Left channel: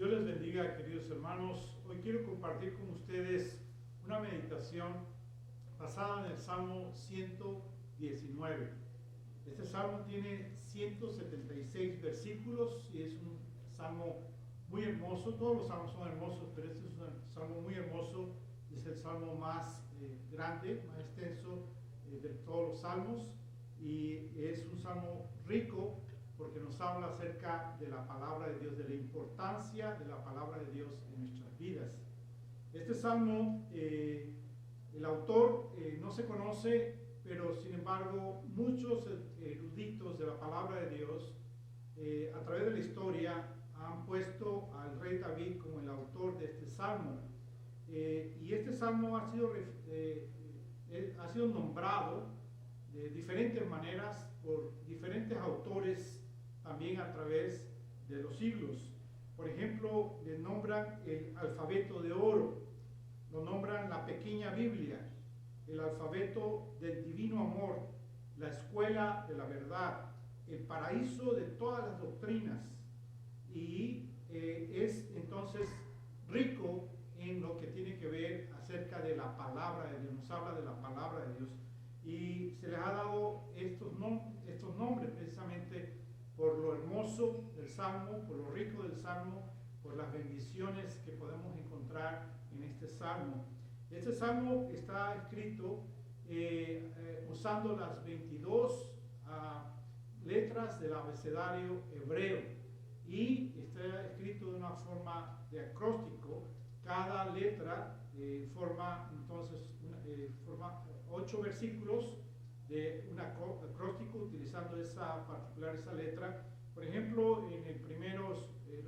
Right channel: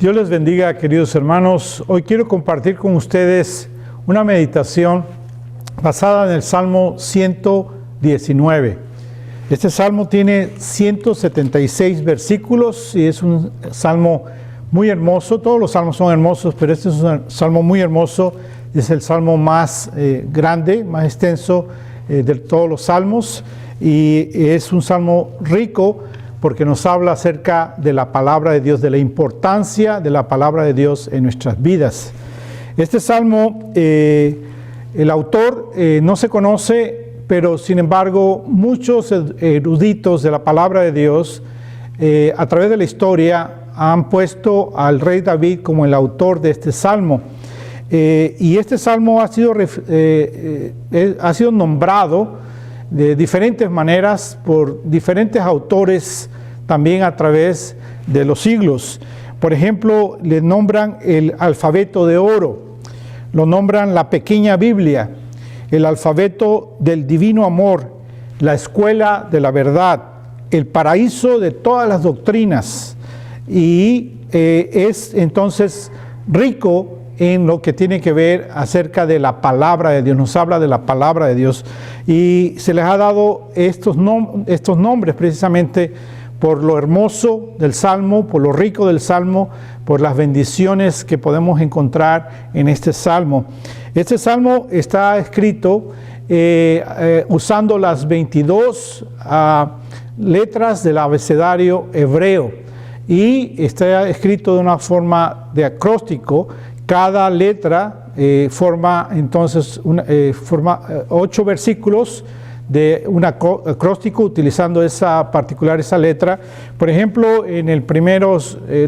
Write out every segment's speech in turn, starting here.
Dios les bendiga, queridos hermanos. Hoy quiero compartir con ustedes una meditación basada en el Salmo 119. Este salmo tiene 176 versículos y es un salmo muy hermoso. Todos los salmos son hermosos, pero este es un salmo muy hermoso. Es el salmo más grande, más extenso de todos los salmos, y es un salmo rico porque nos habla acerca de la palabra de Dios, de la importancia de la palabra de Dios en nuestras vidas. Este salmo, el autor no se conoce, pero sin embargo muchos eruditos de la palabra de Dios a través de la historia han puesto al rey David como el autor de este salmo. Y este salmo ha sido nombrado de diferentes maneras por diferentes autores también a través de los siglos. Por ejemplo, le nombran el alfabeto de oro, lo nombran la pequeña Biblia, el alfabeto del divino amor, la escuela de la verdad, el paraíso de todas las doctrinas, y es entonces rico en lo que tiene que ver acerca de la palabra de Dios. Nos habla de la palabra de Dios y se les ha dado estos nombres precisamente por lo hermoso del Salmo, por lo rico del Salmo, por las bendiciones que podemos encontrar en este Salmo. Este Salmo está escrito usando las 22 letras del abecedario hebreo y está escrito de una forma de acróstico. Cada letra forma entonces 8 versículos de un acróstico utilizando esa letra. Por ejemplo, en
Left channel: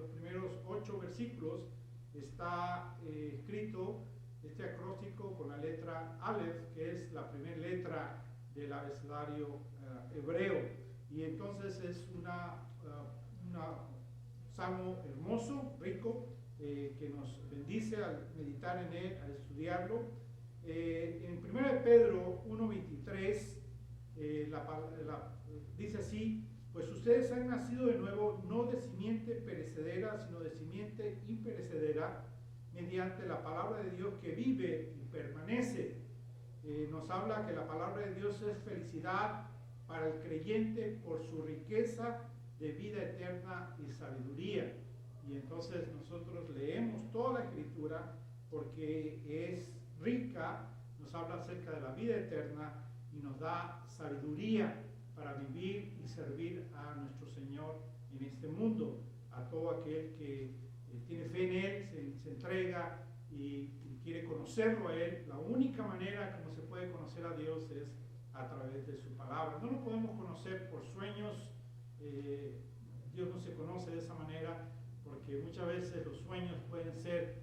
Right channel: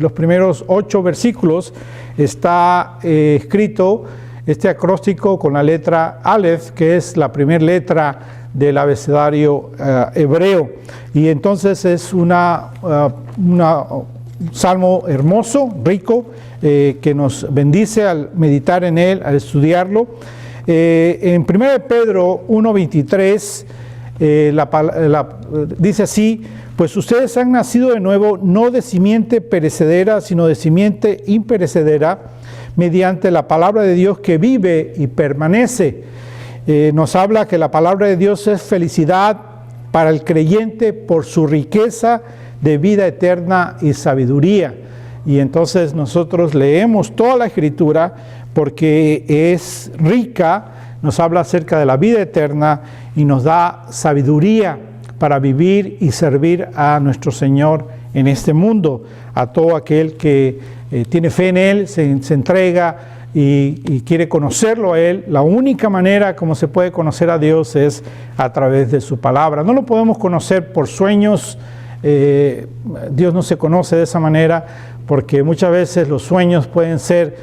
los primeros 8 versículos está escrito este acróstico con la letra Aleph, que es la primera letra del abecedario hebreo. Y entonces es un salmo hermoso, rico, que nos bendice al meditar en él, al estudiarlo. En 1 Pedro 1:23 dice así: pues ustedes han nacido de nuevo, no de simiente perecedera, sino de simiente imperecedera, mediante la palabra de Dios que vive y permanece. Nos habla que la palabra de Dios es felicidad para el creyente por su riqueza de vida eterna y sabiduría. Y entonces nosotros leemos toda la Escritura porque es rica, nos habla acerca de la vida eterna y nos da sabiduría para vivir y servir a nuestro Señor en este mundo. A todo aquel que tiene fe en Él, se entrega y quiere conocerlo a Él. La única manera como se puede conocer a Dios es a través de su palabra. No lo podemos conocer por sueños. Dios no se conoce de esa manera porque muchas veces los sueños pueden ser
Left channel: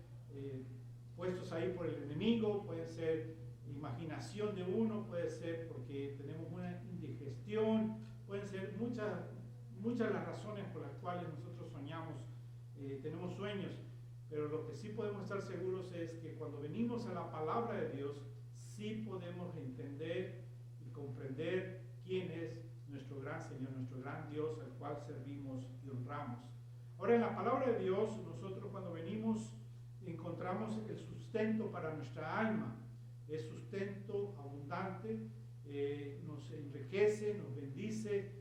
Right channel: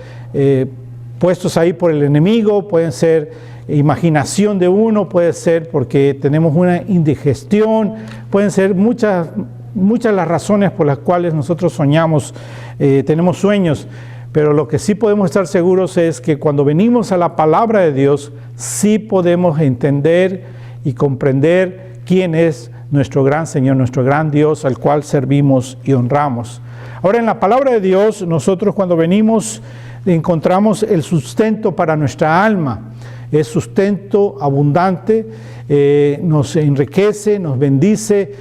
puestos ahí por el enemigo, pueden ser imaginación de uno, puede ser porque tenemos una indigestión, pueden ser muchas las razones por las cuales nosotros soñamos, tenemos sueños, pero lo que sí podemos estar seguros es que cuando venimos a la palabra de Dios, sí podemos entender y comprender quién es nuestro gran Señor, nuestro gran Dios, al cual servimos y honramos. Ahora, en la palabra de Dios, nosotros cuando venimos encontramos el sustento para nuestra alma. Es sustento abundante, nos enriquece, nos bendice.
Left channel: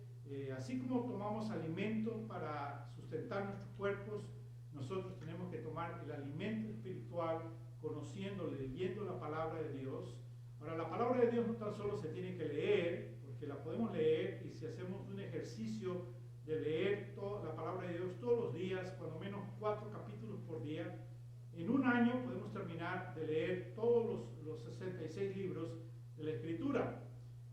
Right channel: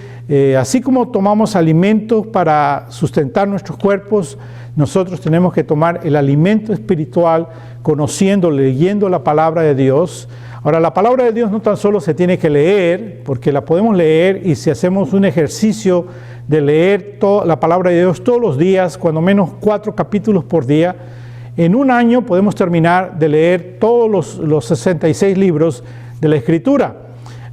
Así como tomamos alimentos para sustentar nuestros cuerpos, nosotros tenemos que tomar el alimento espiritual conociendo, leyendo la palabra de Dios. Ahora, la palabra de Dios no tan solo se tiene que leer, porque la podemos leer, y si hacemos un ejercicio de leer la palabra de Dios todos los días, cuando menos 4 capítulos por día, en un año podemos terminar de leer todos los 66 libros de la Escritura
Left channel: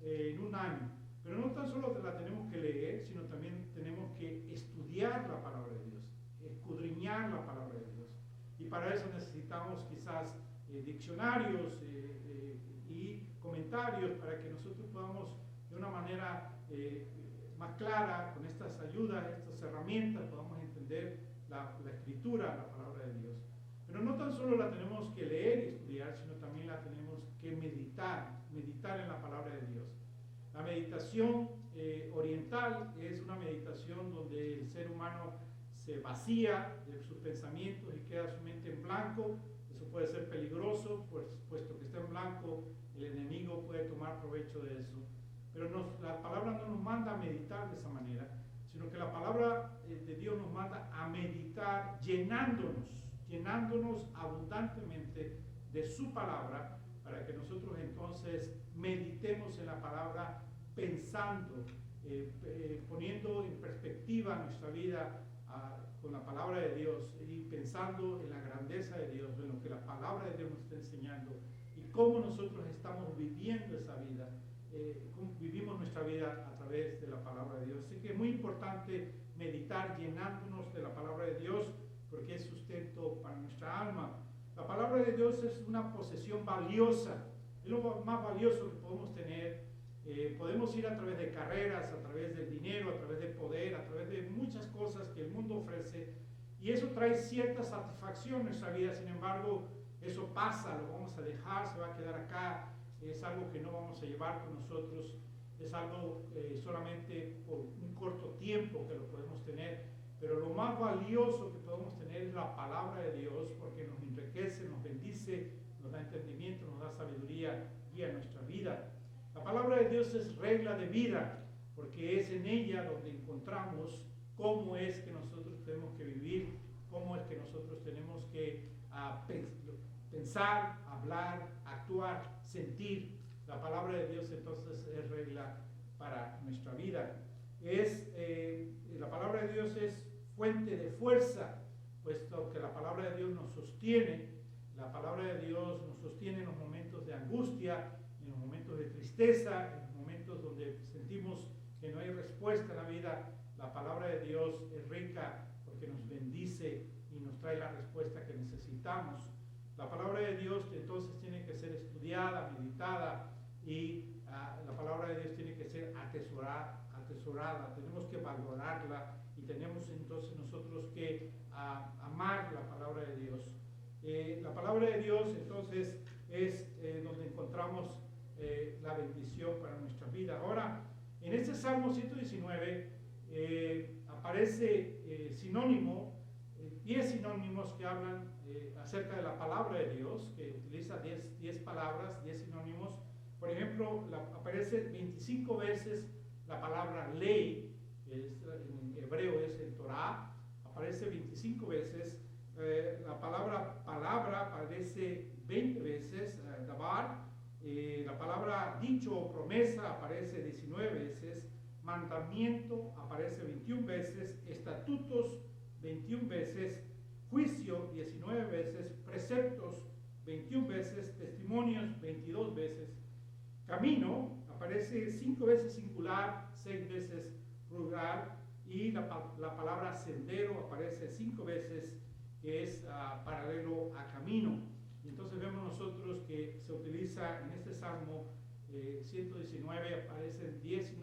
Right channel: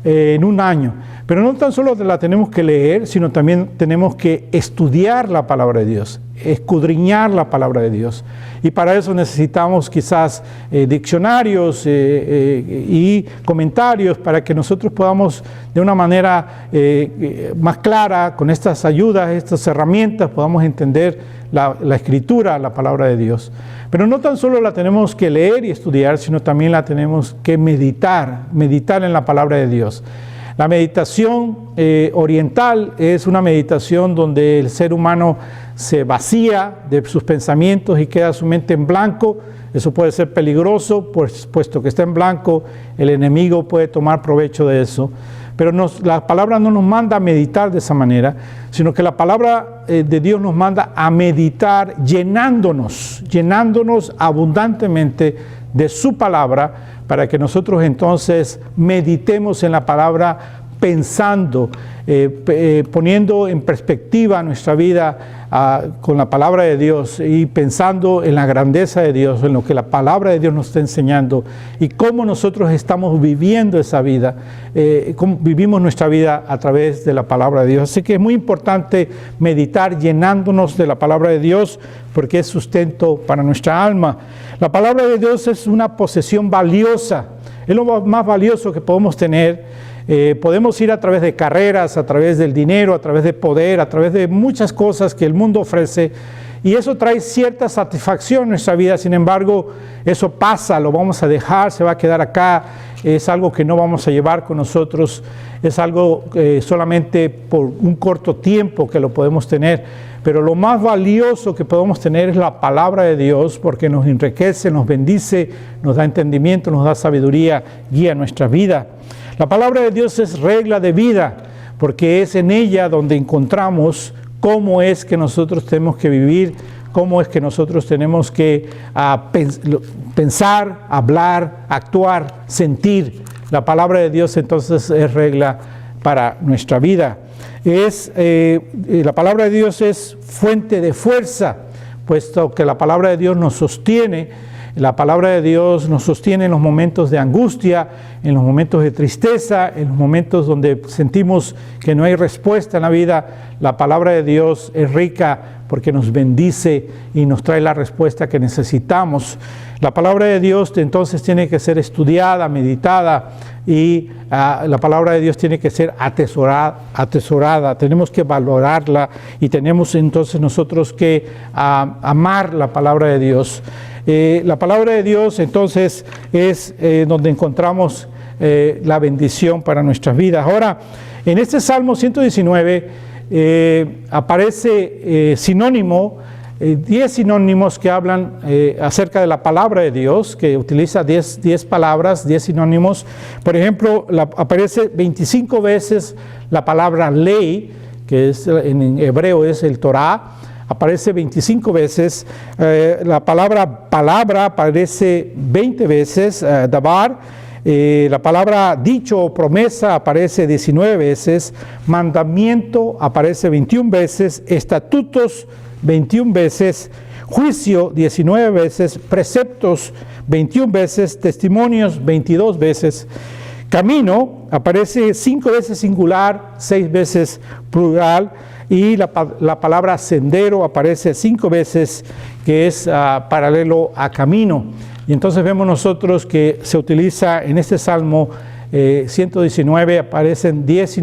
en un año. Pero no tan solo la tenemos que leer, sino también tenemos que estudiar la palabra de Dios, escudriñar la palabra de Dios. Y para eso necesitamos quizás diccionarios y comentarios para que nosotros podamos de una manera más clara, con estas ayudas, estas herramientas, podamos entender la Escritura, la palabra de Dios. Pero no tan solo la tenemos que leer y estudiar, sino también la tenemos que meditar en la palabra de Dios. La meditación oriental es una meditación donde el ser humano se vacía de sus pensamientos y queda su mente en blanco. Eso puede ser peligroso, pues, puesto que está en blanco, el enemigo puede tomar provecho de eso. Pero la palabra no nos manda a meditar de esa manera, sino que la palabra de Dios nos manda a meditar llenándonos abundantemente de su palabra, para que nosotros entonces meditemos en la palabra pensando, poniendo en perspectiva nuestra vida con la palabra de Dios y pensando en la grandeza de Dios, en lo que la palabra de Dios nos está enseñando y cómo nosotros estamos viviendo esa vida, cómo vivimos nuestra vida a través de la palabra de Dios. Así que es muy importante meditar llenándonos de la palabra de Dios, porque es sustento para nuestra alma. La palabra de Dios es una posesión valiosa, es lo más valioso que podemos tener. Podemos ir a través de carreras, a través del dinero, a través de poder, a través de muchas cosas que el mundo ofrece, y eso trae cierta satisfacción en nuestra vida. Sin embargo, eso pasa, lo vamos a dejar, se va a quedar acá, es algo que no vamos a llevar con nosotros, es algo solamente por un corto tiempo que lo podemos tener. Pero lo más valioso que podemos tener es la palabra de Dios, porque nos enriquece, nos bendice, nos da entendimiento, nos da sabiduría, guía nuestra vida. La palabra de Dios es regla de vida, porque es en ella donde encontramos cómo es que nosotros tenemos que vivir, cómo es que nosotros tenemos que pensar, hablar, actuar, sentir. La palabra de Dios entonces es regla para nuestra vida. La palabra de Dios es fuente de fuerza, puesto que la palabra de Dios nos sostiene. La palabra de Dios nos sostiene en los momentos de angustia, en los momentos de tristeza, en los momentos donde sentimos que no hay respuesta en la vida. La palabra de Dios es rica porque nos bendice y nos trae la respuesta que necesitamos. La palabra de Dios entonces tiene que ser estudiada, meditada, y la palabra de Dios tiene que ser atesorada. Tenemos que valorarla y tenemos entonces nosotros que amar la palabra de Dios. La palabra de Dios entonces es donde encontramos la bendición para nuestras vidas. Ahora, en este Salmo 119 aparece sinónimo, 10 sinónimos que hablan acerca de la palabra de Dios, que utiliza 10 palabras, 10 sinónimos. Por ejemplo, aparece 25 veces la palabra ley, que es, en hebreo es el Torah, aparece 25 veces. La palabra aparece 20 veces, dabar. La palabra dicho o promesa aparece 19 veces, mandamiento aparece 21 veces, estatutos 21 veces, juicio 19 veces, preceptos 21 veces, testimonios 22 veces, camino aparece 5 veces singular, 6 veces plural, y la palabra sendero aparece 5 veces, que es paralelo a camino. Y entonces vemos nosotros que se utiliza en este Salmo 119, aparecen 10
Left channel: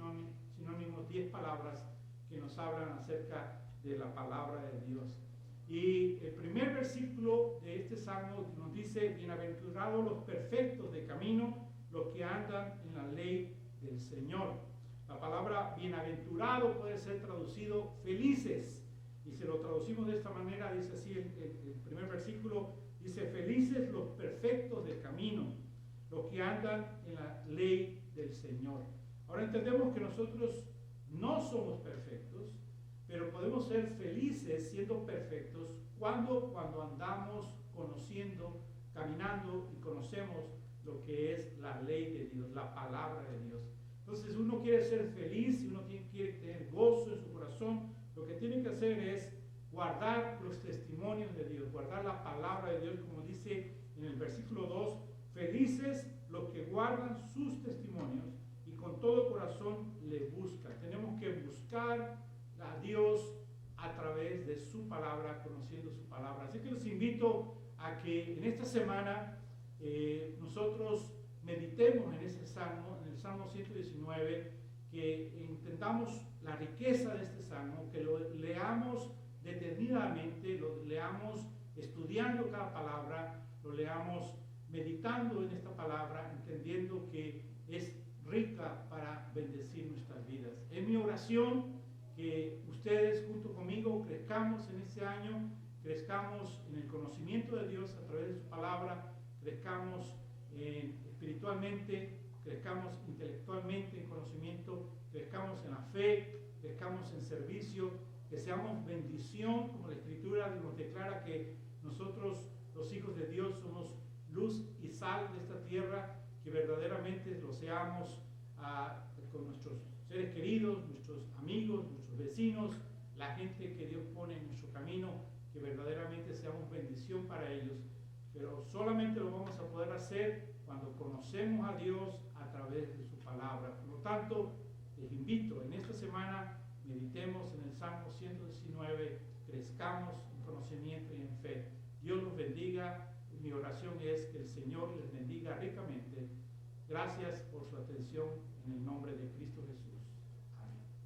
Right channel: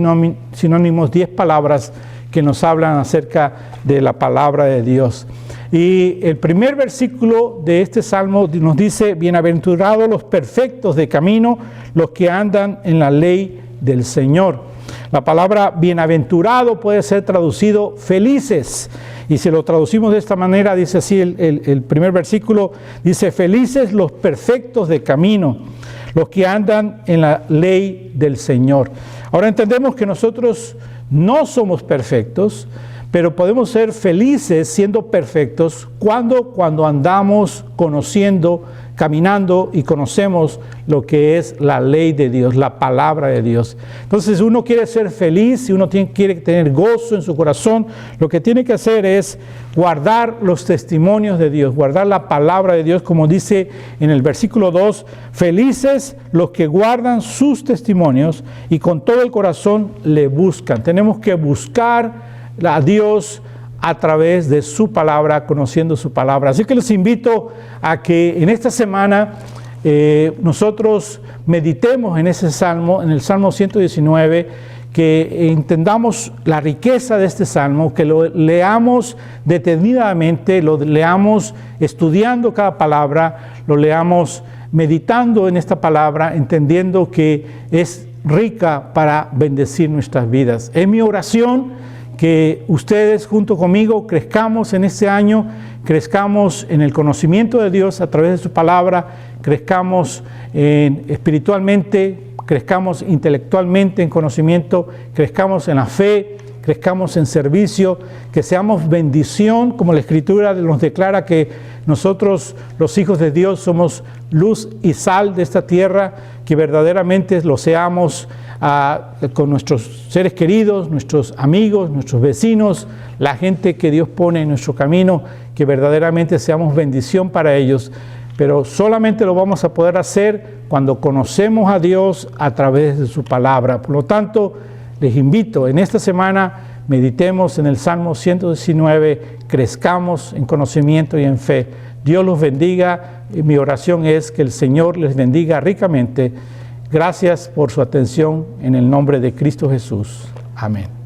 sinónimos, 10 palabras que nos hablan acerca de la palabra de Dios. Y el primer versículo de este Salmo nos dice: bienaventurados los perfectos de camino, los que andan en la ley del Señor. La palabra bienaventurado puede ser traducido felices. Y si lo traducimos de esta manera, dice así el primer versículo, dice: felices los perfectos de camino, los que andan en la ley del Señor. Ahora entendemos que nosotros no somos perfectos, pero podemos ser felices siendo perfectos cuando andamos conociendo, caminando y conocemos lo que es la ley de Dios, la palabra de Dios. Entonces, si uno quiere ser feliz, si uno quiere tener gozo en su corazón, lo que tiene que hacer es guardar los testimonios de Dios, guardar la palabra de Dios, como dice en el versículo 2, felices los que guardan sus testimonios y con todo el corazón le buscan. Tenemos que buscar a Dios a través de su palabra, conociendo su palabra. Así que los invito a que en esta semana nosotros meditemos en ese salmo, en el Salmo 119, que entendamos la riqueza de este salmo, que lo leamos detenidamente, lo leamos estudiando cada palabra, lo leamos meditando en esta palabra, entendiendo que es rica para bendecir nuestras vidas. Es mi oración que ustedes junto conmigo crezcamos en este año, crezcamos en el conocimiento de Dios a través de su palabra, crezcamos espiritualmente, crezcamos intelectualmente en conocimiento, crezcamos en la fe, crezcamos en servicio, que seamos bendición, como la Escritura nos declara que nosotros, los hijos de Dios, somos luz y sal de esta tierra, que verdaderamente lo seamos con nuestros seres queridos, nuestros amigos, nuestros vecinos, la gente que Dios pone en nuestro camino, que verdaderamente seamos bendición para ellos. Pero solamente lo vamos a poder hacer cuando conocemos a Dios a través de su palabra. Por lo tanto, les invito, en esta semana meditemos en el Salmo 119, crezcamos en conocimiento y en fe. Dios los bendiga. Mi oración es que el Señor les bendiga ricamente. Gracias por su atención en el nombre de Cristo Jesús. Amén.